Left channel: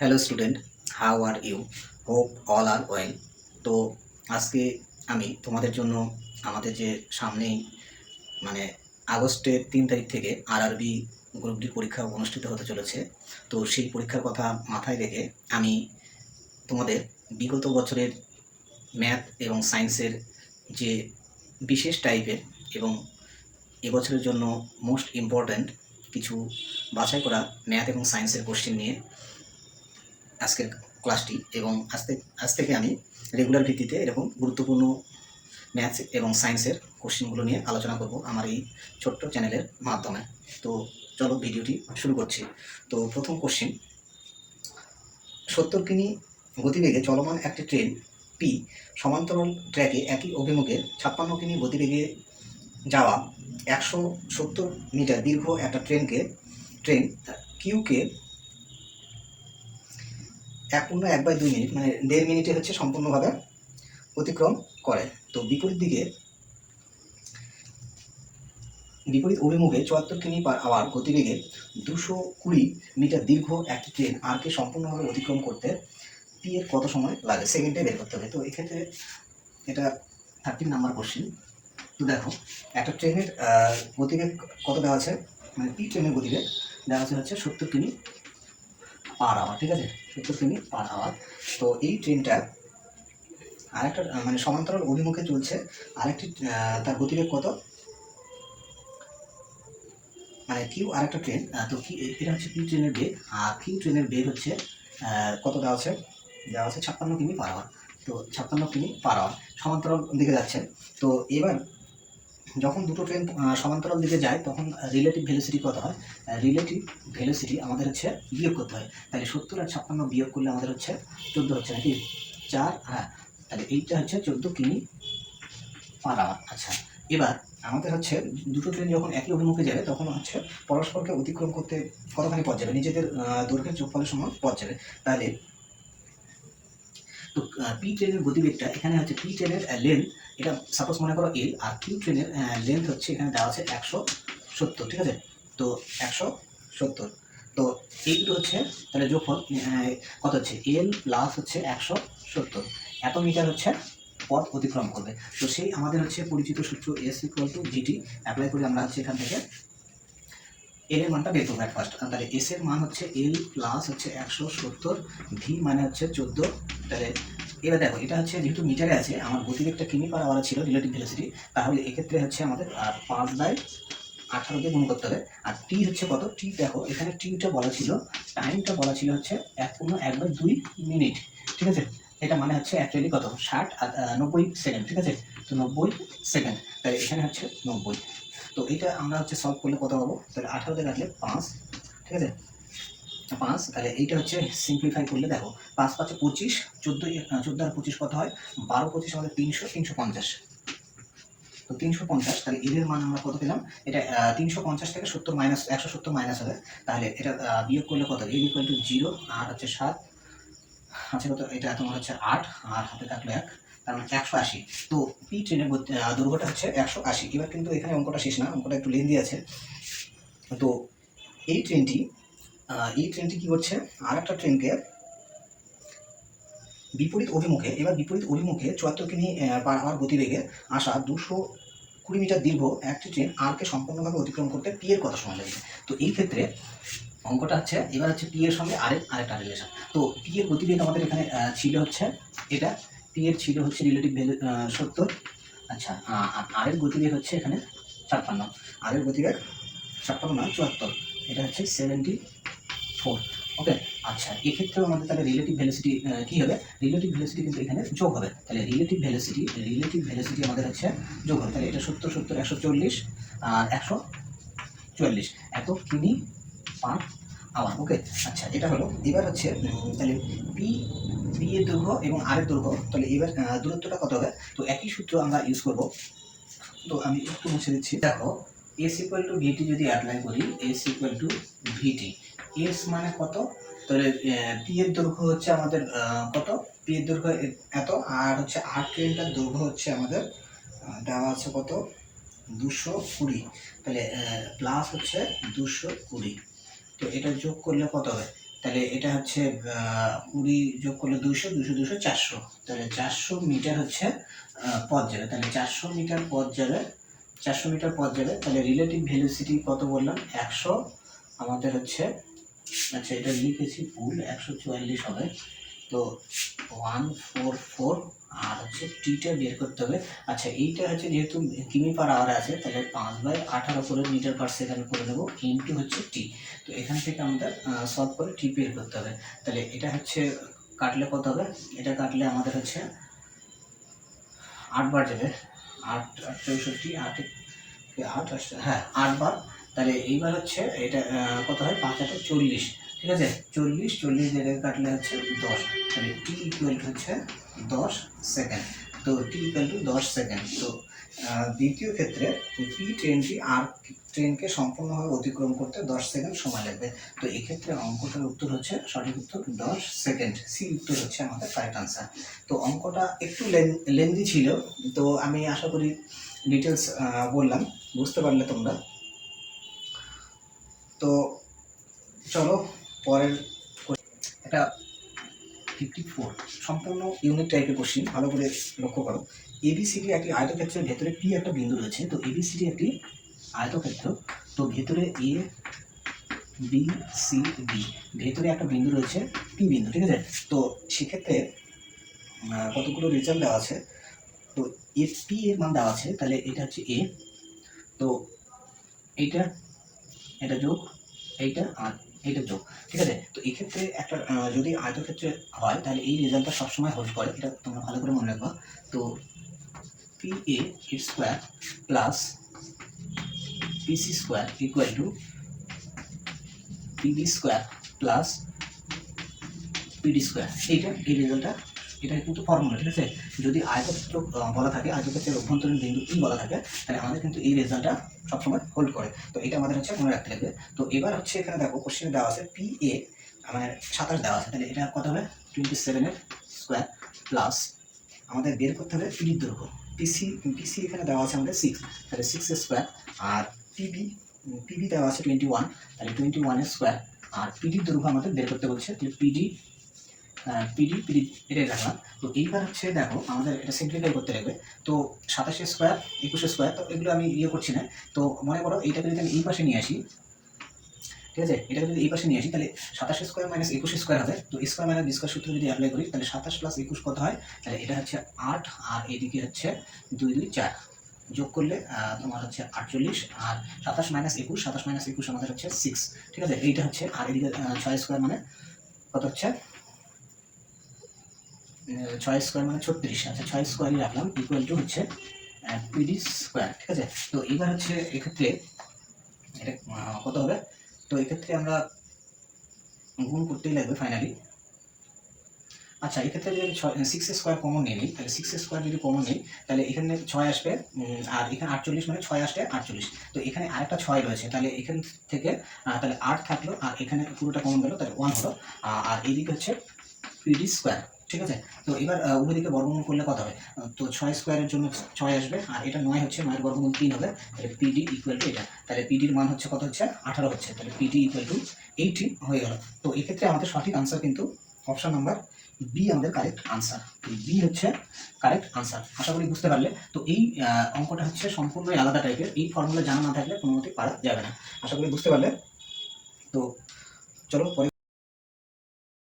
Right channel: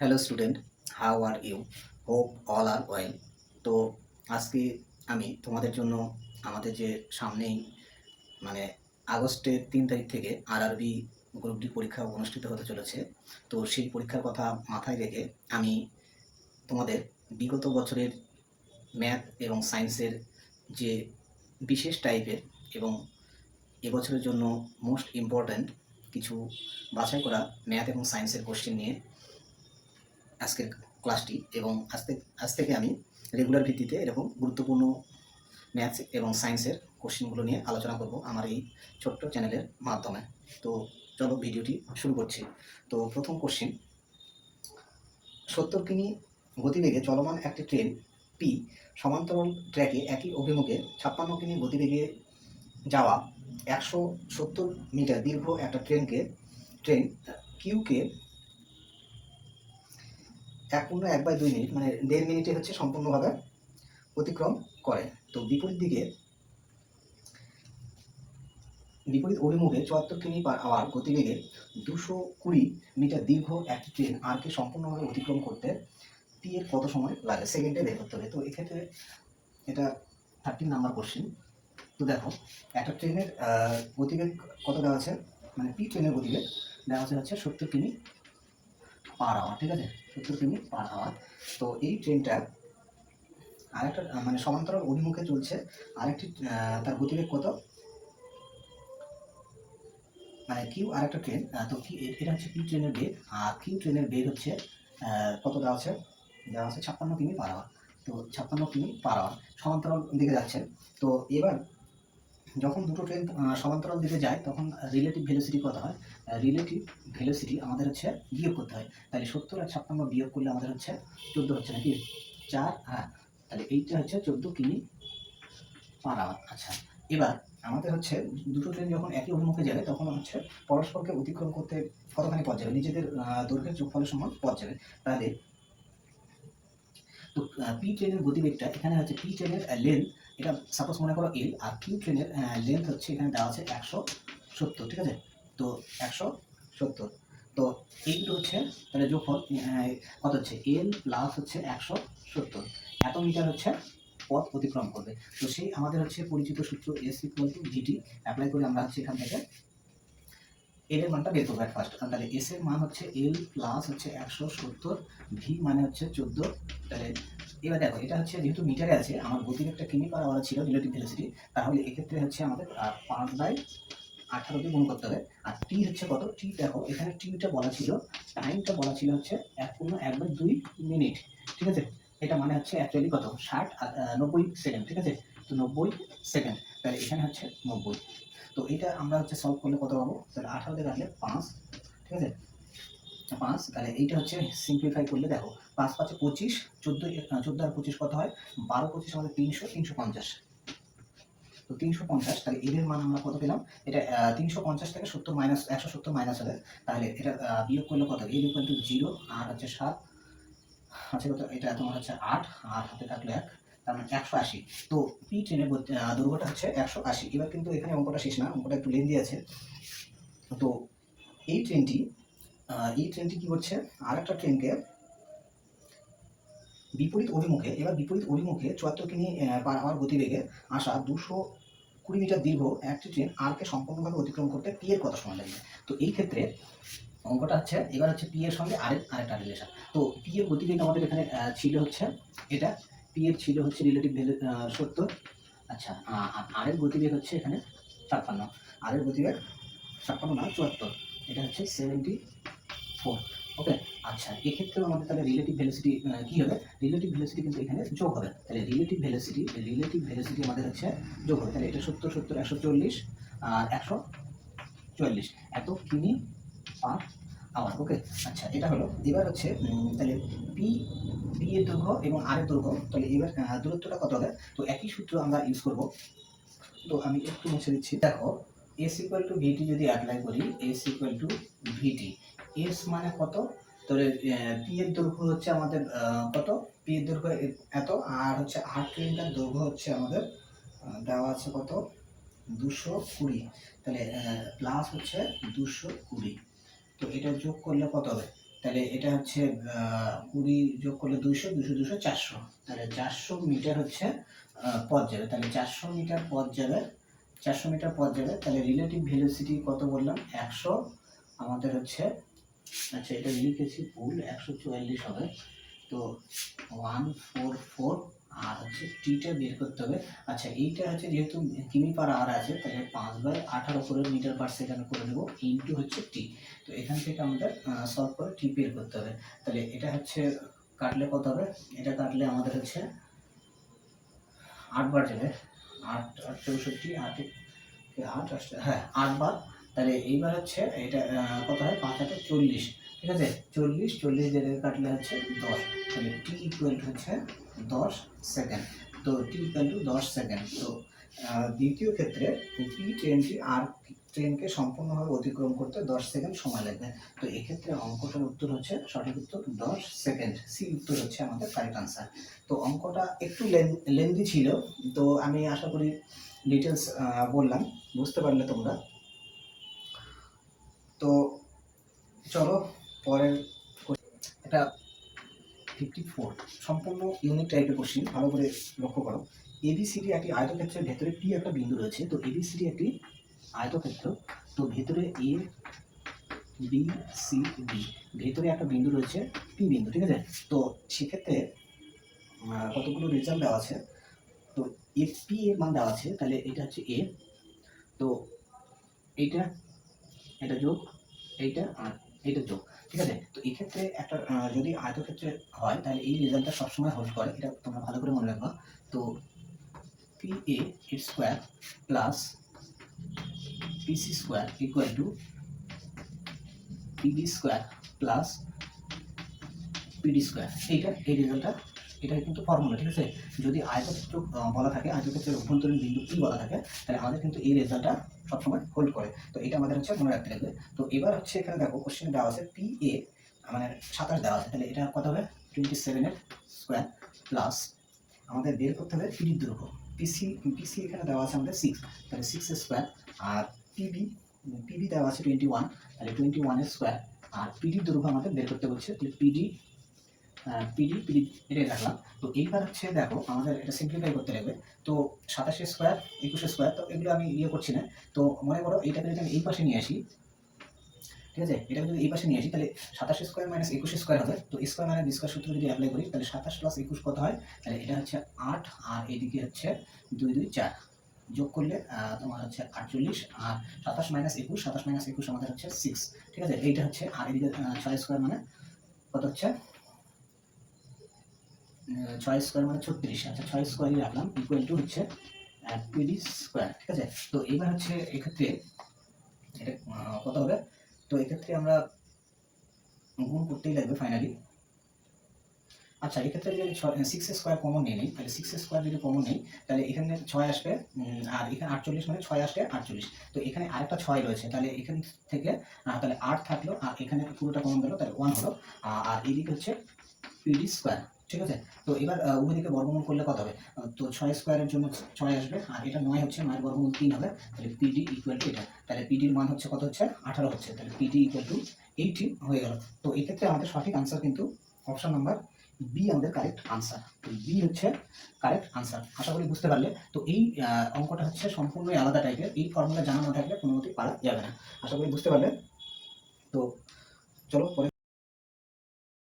Hello student, how are you? Hope all are well. তো আজকে আমি তোমাদের জন্য আমাদের যে সামনেই মানে আগস্টের 3 তারিখ থেকে আরআরবি গ্রুপ ডি পরীক্ষা অনুষ্ঠিত হতে চলেছে। তো সেই পরীক্ষার কথা মাথায় রেখে আমি তোমাদের বিগত বছরের ম্যাথ এবং সায়েন্সের যে বিশেষ টাইপের এবং এবছরের জন্য মোস্ট ইম্পর্ট্যান্ট কিছু বাছাই করা ম্যাথ এবং সায়েন্সের কোশ্চেন নিয়ে আজকের ক্লাসটি, এবং আজ থেকে আমি রেগুলার ভিত্তিতে এরকম গুরুত্বপূর্ণ ম্যাথস এবং সায়েন্সের কোশ্চেনগুলো নিয়ে আলোচনা করব আমার এই ছোট্ট চ্যানেলের মাধ্যমে। তো চলো ভিডিওটি শুরু করছি। তো প্রথম কোশ্চেন, 70 কিমি গতিবেগে চলমান একটি ট্রেন পি সমান্তরাল ট্র্যাকে একই অভিমুখে 56 কিমি গতিবেগে যাওয়া 170 মিটার দীর্ঘ একটা ট্রেন কিউকে 1/2 মিনিট মানে 1.5 মিনিটে হচ্ছে সম্পূর্ণভাবে অতিক্রম করে। তো বিপরীত অভিমুখে 74 কিমি পার আওয়ার গতিবেগে 220 মিটার দীর্ঘ একটি ট্রেন আরকে সম্পূর্ণভাবে অতিক্রম করতে পি এর কত সময় লাগে সেকেন্ডে বের করতে হবে। তো এক্ষেত্রে এটা 13 নাম্বার কোশ্চেন। তো দেখো, একটা ট্রেনের গতিবেগ কত দেওয়া আছে, মানে পি ট্রেনের গতিবেগ দেওয়া আছে হচ্ছে 70 কিমি পার আওয়ার, ঠিক আছে, 70 কিমি পার আওয়ার। তো এই ট্রেনটা আরেকটা মানে সমান্তরাল অভিমুখে চলছে আরেকটি, তার গতিবেগ কত, মানে কিউ আরেকটা ট্রেন। তো কি এটা হচ্ছে কিউ ট্রেনের বেগ, আর কিউ ট্রেনের বেগ হচ্ছে কত দেওয়া আছে, 56 কিমি পার আওয়ার। তো 56 কিমি পার আওয়ার সমান্তরাল দিকে যাচ্ছে। তো এবার যখন দুটো ট্রেন সমান্তরাল দিকে যায় তখন রিলেটিভ ভেলোসিটি কত হয়, রিলেটিভ ভেলোসিটি আমাদের হচ্ছে বিয়োগ করতে হয়। তাহলে 70 আর 56 বিয়োগ করলে আমাদের হচ্ছে 14 হচ্ছে নাকি 4, হ্যাঁ, তাহলে এইটা হচ্ছে 14 কিমি পার আওয়ার। আচ্ছা, এবার আমাদের হচ্ছে দুটো ট্রেন যখন একই অভিমুখে যাবে তখন হচ্ছে পরস্পরকে অতিক্রম করতে কতখানি পথ যাবে, নিজেদের দৈর্ঘ্যের যোগফলের সমান পথ যাবে। তাহলে তো পি ট্রেনের গতিবেগটা এখানে হচ্ছে পি ট্রেনের লেন্থ, এটা সাপোজ মনে করো এল, আর কিউ ট্রেনের লেন্থ হচ্ছে এখানে দেওয়া আছে 170, ঠিক আছে। তো 170, তো এই দুটো হচ্ছে তাহলে যোগফল কত হচ্ছে, এল প্লাস হচ্ছে 170, এত মিটার হচ্ছে পথ অতিক্রম করবে। তো সেই আমাদের হচ্ছে পরিচিত সূত্র S equal two GT apply করে আমরা হচ্ছে এখান থেকে এল এর মানটা বের করবো এক ফার্স্ট। তাহলে এস এর মান হচ্ছে এল প্লাস হচ্ছে 170, ভি মানে হচ্ছে 14। তাহলে এবার দেখো, এটা হচ্ছে যেহেতু মিটারে আছে, আমার গতিবেগটা কিমি পার আওয়ারে ছিল রিলেটিভ ভেলোসিটি, তাহলে এক্ষেত্রে হচ্ছে আমাদের 5/18 দিয়ে গুণ করতে হবে। আর টি হচ্ছে কত, টি দেখো এখানে টিটা বলা ছিল, টাইমটা বলা ছিল হচ্ছে 1/2 মিনিট, ঠিক আছে। এটা মানে হচ্ছে অ্যাকচুয়ালি কত, 60 আর 90 সেকেন্ড, ঠিক আছে। তো 90 সেকেন্ড, তাহলে এখানে হচ্ছে 90। তো এটা আমরা হচ্ছে সলভ করলে কত পাবো, তাহলে 18 কাটলে 5, ঠিক আছে, 5। তাহলে এইটা হচ্ছে সিম্পলিফাই করলে দেখো 5 5 25, 14 আর 25 কত হয়, 12 25 আমাদের 300, 350। তো 350, তাহলে এর মান আমরা কত পেলাম, এটা 350 থেকে 70 মাইনাস 170 মাইনাস হবে, তাহলে এটা বিয়োগ করলে কত, এর ইকুয়াল টু 0 আর হচ্ছে 7 আছে কত, এটা তোমার হচ্ছে 8 আর হাতে থাকলে 1, তার মানে 180। তো পি ট্রেনের দৈর্ঘ্যটা হচ্ছে 180। এবার কিন্তু এখানে অঙ্কটা শেষ না, অঙ্কটা একটু লেন্দি আছে। তো এই ট্রেনটি কি করছে, আরেকটা ট্রেনকে বিপরীত অভিমুখে 74 কিমি পার আওয়ার গতিবেগে আসা 220 মিটার দীর্ঘ একটি ট্রেন আরকে সম্পূর্ণভাবে অতিক্রম করতে পি এর কত সময় লাগবে। তো এই ক্ষেত্রে অঙ্কটা হচ্ছে এবার হচ্ছে পি এর সঙ্গে আরেকটা রিলেশন। তো পি এর গতিবেগ আমাদের এখানে ছিল হচ্ছে এটা, পি এর ছিল হচ্ছে রিলেটিভ ভ্যালু 70। আচ্ছা, আর এর গতিবেগ হচ্ছে এখানে 56, আর এর গতিবেগ 56 না 74, এটা হচ্ছে 74, ওকে। আচ্ছা, এক্ষেত্রেও আমাদের তাহলে রিলেটিভ ভেলোসিটি কি হবে, রিলেটিভ ভেলোসিটি কিন্তু এখানে যোগ হবে। তাহলে রিলেটিভ ভেলোসিটি আমাদের হচ্ছে যোগ হবে। তাহলে এটা 70 70 140 আর 144 এত কিমি পার আওয়ার, ওকে। আচ্ছা, এটা হলো। এবার হচ্ছে তাহলে পি পি এর দৈর্ঘ্য এবং আর এর দৈর্ঘ্য, তাহলে এবার দূরত্বটা কত হবে। তো একই সূত্র আমরা ইউজ করব। তো আমি একটু মুছে দিচ্ছি। দেখো, এস ইকুয়াল টু ভিটি যদি অ্যাপ্লাই করি, S equal to VT, S মানে কত, তাহলে পি এর দৈর্ঘ্য হচ্ছে আমাদের কত, পি এর দৈর্ঘ্য এত, আর হচ্ছে আর ট্রেনটার দৈর্ঘ্য হচ্ছে আমাদের দেওয়া আছে কত, 220, তাহলে প্লাস হচ্ছে 220। তো এটা যোগ করলে কত হবে, তাহলে এটা হচ্ছে 20 যোগ করলে 200, 200, 200, 400, তাহলে 400 মিটার হচ্ছে পথ যাবে। তাহলে 400 মিটার পথ যাবে, 400 মিটার পথ যাবে। তাহলে রিলেটিভ ভেলোসিটি কত বললাম? 100 আমাদের হচ্ছে, আচ্ছা এটা লিখেছি ভুল, 144 হবে। তো 144 আর হচ্ছে টিটা বের করতে হবে। আচ্ছা এইটা হচ্ছে যেহেতু কিমি পার আওয়ারে আছে, তাহলে 5/18 করে মিটার পার সেকেন্ড করে নেবো, ইনটু হচ্ছে টি। তো এখান থেকে আমাদের সলভ করে টি বের করতে হবে। তাহলে এটা হচ্ছে কাটলে কত হবে? এটা কাটলে আমাদের হচ্ছে 8 বার যাবে, 8 8 64, 8 8 হ্যাঁ 8 বার। তাহলে এইবার হচ্ছে এটা কত হয়? 5 8 40, ঠিক আছে? 40 40 দিয়ে কাটলে হচ্ছে 10। তাহলে টি ইকুয়াল হচ্ছে 10 সেকেন্ড। তো টি ইকুয়াল টু 10 সেকেন্ড। তো দ্বিতীয় ক্ষেত্রে পি ট্রেনটি আর ট্রেনকে সম্পূর্ণভাবে অতিক্রম করতে 10 সেকেন্ড সময় লাগবে। তো এক্ষেত্রে অঙ্কটার উত্তর হচ্ছে, সঠিক উত্তর 10 সেকেন্ড। সি উত্তর হচ্ছে আমাদের কারেক্ট আনসার। তো অঙ্কটা একটু লেন্দি ছিল, তো আমি আশা করি ডিটেলস বললাম, বুঝতে পারলে তোমরা। তো চলো পরের এটা 54 সম্পূর্ণ ইউনিক টাইপের কোশ্চিন, ভালো করে লক্ষ্য করো। এবিসিডি একটি আয়তক্ষেত্রের ভেতরে পি একটা বিন্দু রয়েছে। তো এবিসিডি একটি আয়তক্ষেত্র, তো ভেতরে এ বি সি ডি, ভেতরে একটা বিন্দু রয়েছে পি বিন্দু, ঠিক আছে? তো সেক্ষেত্রে কতগুলো রেজাল্ট দেওয়া আছে। তো এ পি এর মান দেওয়া আছে, তাহলে এটা হচ্ছে এ, তো এইটা, এটা যোগ এইটা আর এইটা যোগ, ঠিক আছে? তো এই ক্ষেত্রে একটা যদি আয়তক্ষেত্রে হয় তাহলে এই রেজাল্টটা সবসময় হোল্ড করে, এটা তোমরা ভালো করে মনে রাখবা। তো পি এ এর square plus PC square equal to PB square plus PD square, এই রেজাল্টটা, এটা কিন্তু ফর্মুলা, ঠিক আছে? যদি আয়তক্ষেত্র বলা থাকে, আয়তক্ষেত্রের অভ্যন্তরীণ বিন্দু ই বলা থাকে, তাহলে আমাদের কিন্তু এই রেজাল্টটা সবসময় হোল্ড করে। তো এটা আমাদের হচ্ছে মনে রাখতে লাগবে। তো এবার হচ্ছে এখানে দেখো কোশ্চেনে দেওয়া আছে পি এ মানে 27 দেওয়া আছে, তাহলে এটা কত হবে? 27 এর স্কোয়ার প্লাস আমাদের বের করতে হবে পিডির দৈর্ঘ্য। পিসি এখানে দেওয়া আছে আমাদের 6, তাহলে 6 এর স্কোয়ার, আর পিবি দেওয়া আছে 21, তাহলে 21 এর স্কোয়ার, আর পিডির দৈর্ঘ্য আমাদের বের করতে বলছে, তাহলে পিডি পিডি এটাই রাখলাম। তো এইবার হচ্ছে দেখো আমাদের এটা সিম্পলিফাই করতে লাগবে। তো 27 স্কোয়ার 21 স্কোয়ার, তো এগুলো আমি করছি না। তো মনে করো এইটাকে যদি আমি এই পাশে নিয়ে আসি, ঠিক আছে? এটাকে যদি এই পাশে নিয়ে আসি, তাহলে 27 স্কোয়ার মাইনাস 21 স্কোয়ার হবে। তো স্কোয়ার মাইনাস বি স্কোয়ার সূত্র যদি অ্যাপ্লাই করি, তাহলে 27 প্লাস 21 কত হয়? তাহলে এটা হচ্ছে 8, আর এদিকে হচ্ছে 2 2 4, যোগ করলে তোমার হচ্ছে 48, আর 27 মাইনাস 21, 27 মাইনাস 21 আমাদের হচ্ছে 6, ঠিক আছে? এইটা হচ্ছে, আর এদিকে 6 স্কোয়ার মানে কত হচ্ছে? 6 স্কোয়ার মানে 36, আচ্ছা 6 স্কোয়ারই রাখলাম, ইকুয়াল টু হচ্ছে পিডি স্কোয়ার, ঠিক আছে? তো এবার হচ্ছে এক্ষেত্রে এটা কত হবে? তো এক্ষেত্রে আমরা গুণ করতেই লাগবে ফাইনালি। আচ্ছা এক্ষেত্রে যদি 6 স্কোয়ার কমন নিয়ে নিই, তাহলে 6 স্কোয়ার যদি কমন নিই, তাহলে এখানে 6 আসবে, আর এখানে 48 মানে 6 আসলে 48। তো এখানে আরেকটা 6 রয়েছে, তাহলে এখান থেকে তাহলে 8 থাকলো, আর এখানে পুরোটা কমন গেল, তাহলে 1 হলো। আর এইদিকে হচ্ছে পিডি স্কোয়ার, ঠিক আছে? তো এবার উভয় দিকে বর্গমূল করলে কত হবে? তো 6 স্কোয়ারের জন্য 6 আসবে, আর এটা 9 হচ্ছে, 9 এর বর্গমূল 3 হবে, তাহলে পিডি ইকুয়াল টু এটা, তাহলে পিডির মান হচ্ছে কত হচ্ছে? 18 হচ্ছে, তাহলে পিডি ইকুয়াল টু 18 হয়ে গেল। তো এক্ষেত্রে আমাদের সঠিক আনসার কিন্তু অপশন নাম্বার বি আমাদের কারেক্ট আনসার। বি হচ্ছে কারেক্ট আনসার। আশা করি বুঝতে পারলে। তো এই অঙ্কটা হচ্ছে সম্পূর্ণই আলাদা টাইপের, এই ফর্মুলা জানা না থাকলে কোনো মতেই পারা যাবে না। আশা করি বুঝতে পারলে। তো চলো পরে